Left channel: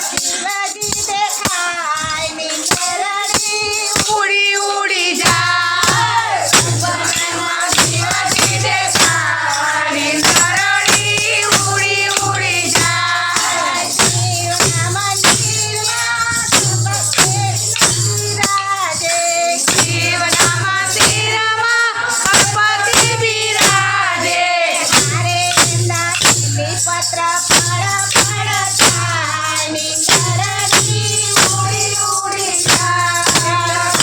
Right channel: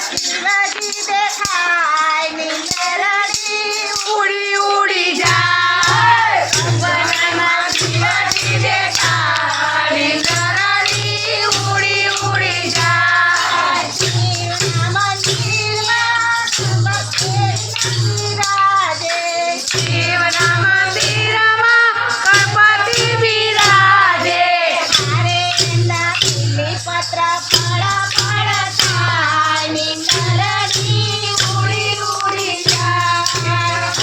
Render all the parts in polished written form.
શિવજી દેખાય નીંદરડી ઉડી ઉડી જાય સપનામાં શિવજી દેખાય નીંદરડી ઉડી ઉડી જાય શિવના મંદિરમાં સુભદ્રેશજી બિરાજે શિવના મંદિરમાં ગણપતિ બિરાજે મારે એમના બીલીપત્ર ફળ ફળ થાય નીંદરડી ઉડી ઉડી જાય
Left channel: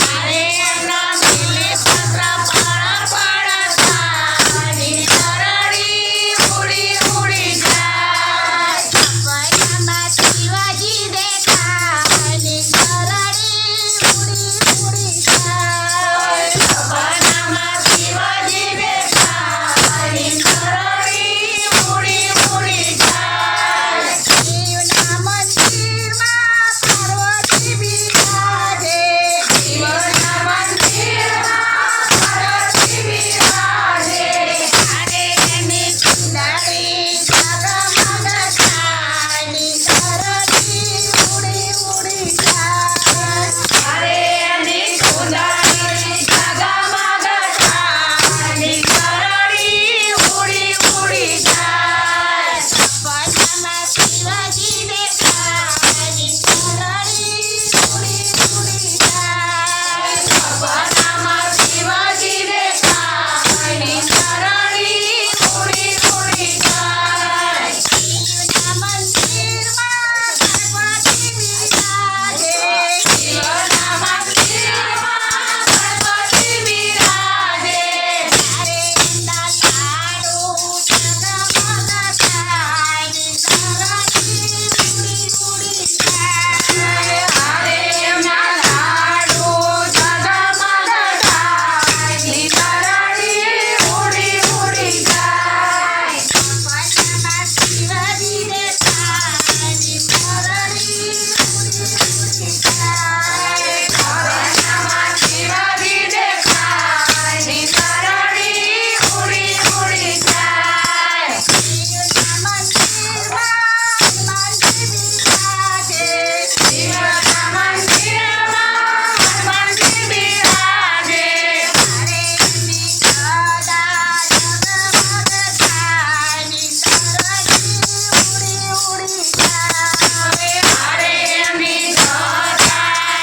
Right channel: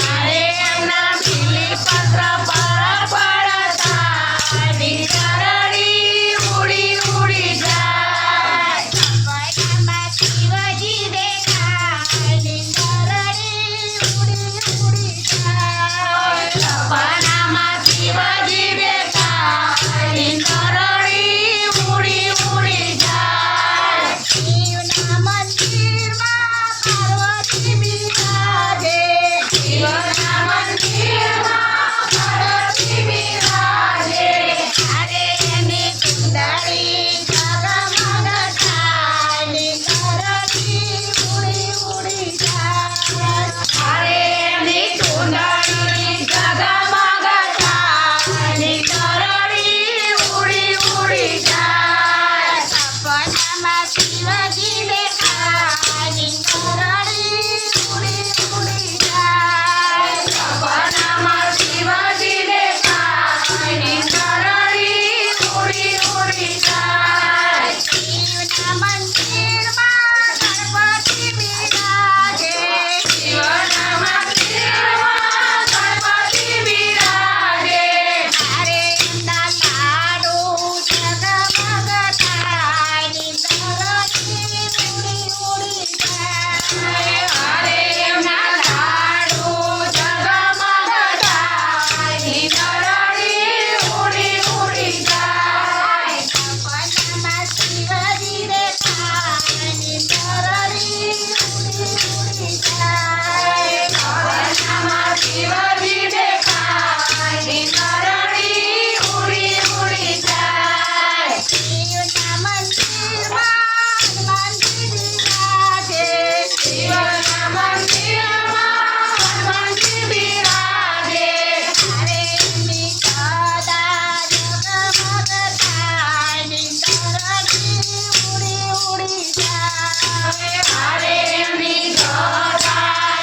મારે એમના બીલીપત્ર ફળ ફળ થાય નીંદરડી ઉડી ઉડી જાય સપનામાં શિવજી દેખાય નીંદરડી ઉડી ઉડી જાય સપનામાં શિવજી દેખાય નીંદરડી ઉડી ઉડી જાય શિવના મંદિરમાં પાર્વતી બિરાજે શિવના મંદિરમાં પાર્વતી બિરાજે મારે એની ચુંદડી જગમગ થાય નીંદરડી ઉડી ઉડી જાય મારે એની ચુંદડી જગમગ થાય નીંદરડી ઉડી ઉડી જાય સપનામાં શિવજી દેખાય નીંદરડી ઉડી ઉડી જાય સપનામાં શિવજી દેખાય નીંદરડી ઉડી ઉડી જાય શિવના મંદિરમાં ગણપતિ બિરાજે શિવના મંદિરમાં ગણપતિ બિરાજે મારે એમના લાડુ જગમગ થાય નીંદરડી ઉડી ઉડી જાય મારે એમના લાડુ જગમગ થાય નીંદરડી ઉડી ઉડી જાય સપનામાં શિવજી દેખાય નીંદરડી ઉડી ઉડી જાય સપનામાં શિવજી દેખાય નીંદરડી ઉડી ઉડી જાય શિવના મંદિરમાં હનુમાનજી બિરાજે શિવના મંદિરમાં હનુમાનજી બિરાજે મારે એમની ગદા જગમગ થાય નીંદરડી ઉડી ઉડી જાય મારે એમની ગદા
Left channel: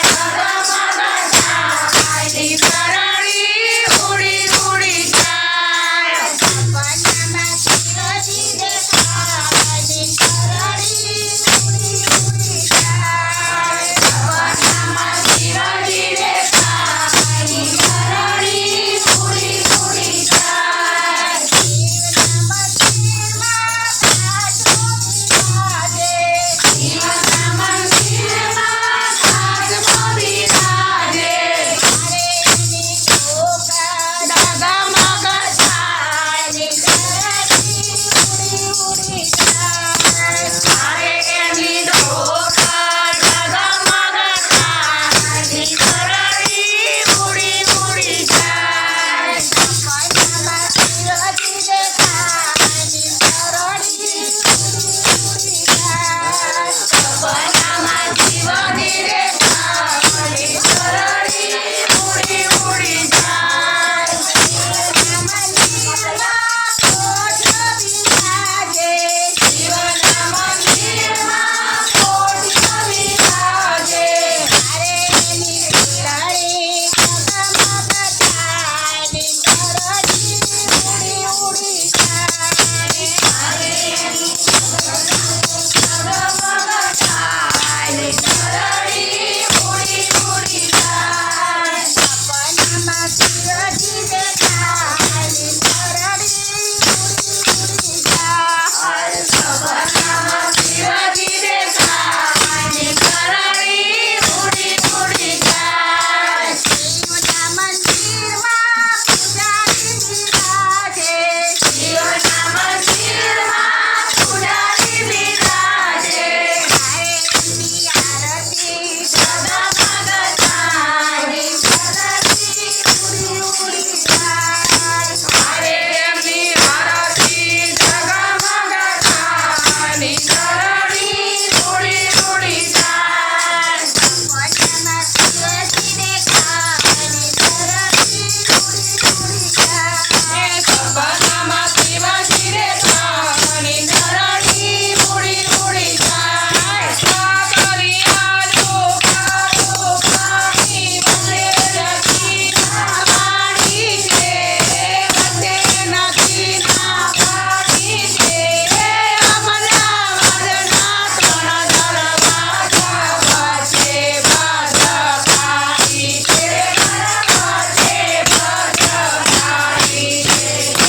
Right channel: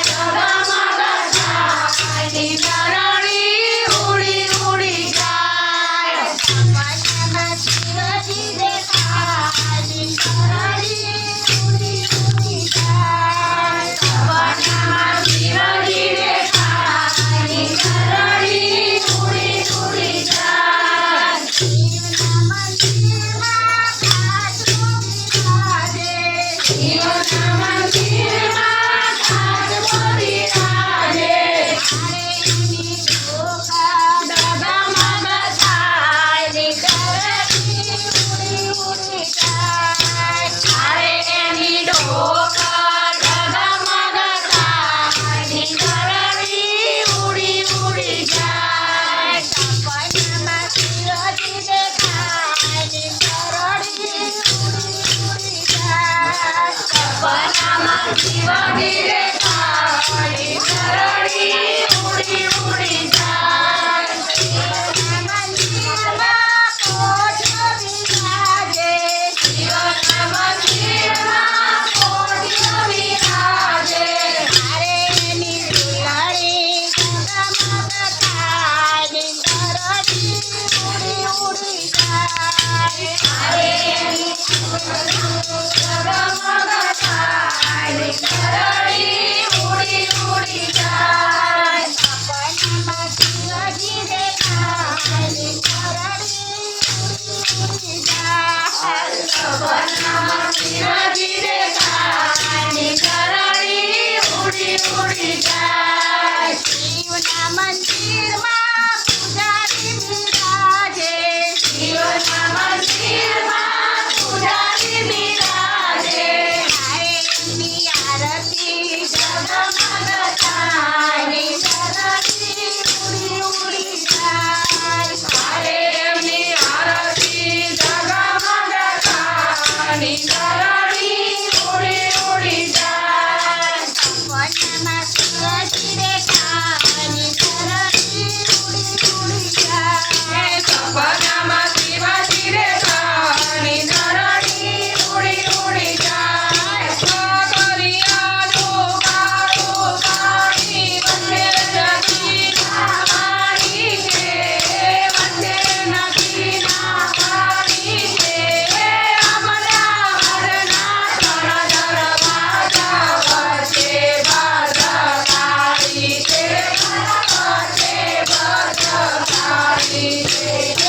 જગમગ થાય નીંદરડી ઉડી ઉડી જાય સપનામાં શિવજી દેખાય નીંદરડી ઉડી ઉડી જાય સપનામાં શિવજી દેખાય નીંદરડી ઉડી ઉડી જાય શિવના મંદિરમાં સાધુ બિરાજે શિવના